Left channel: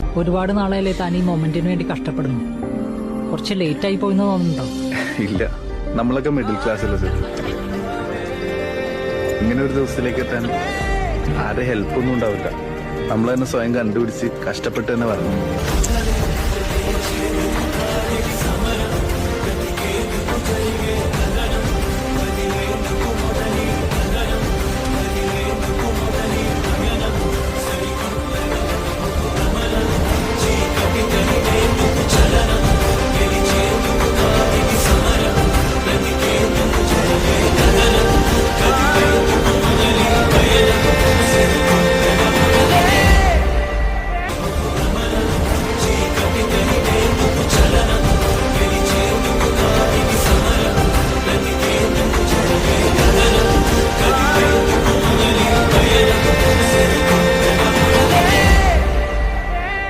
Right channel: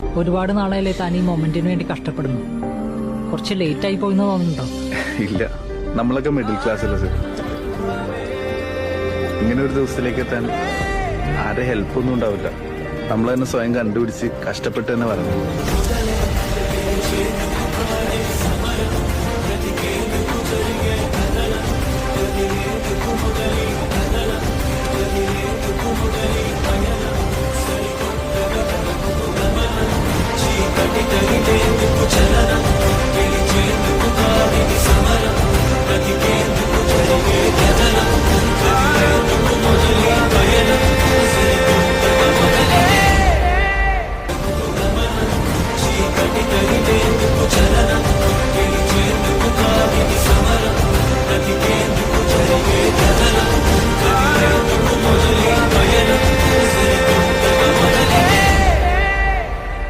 ഒരുപാട് നാളായല്ലേ താൻ ഈ മൊമെന്റിന് വേണ്ടി കഷ്ടപ്പെടുന്നു. കുറച്ച് ലേറ്റ് ആയി പോയിന്ന് തോന്നുന്നുണ്ടോ? ഇല്ല, നമ്മളൊക്കെ മിഡിൽ ക്ലാസ്സിലെ സർ. ഇങ്ങനെ ഒരു ദിവസത്തിലേക്ക് എത്താൻ ആരെ ഹെൽപ്പൊന്നും ഉണ്ടാവില്ല. നമ്മൾ തന്നെ സ്വയം കണ്ടുപിടിച്ച് കഷ്ടപ്പെട്ട് തന്നെ പറഞ്ഞു.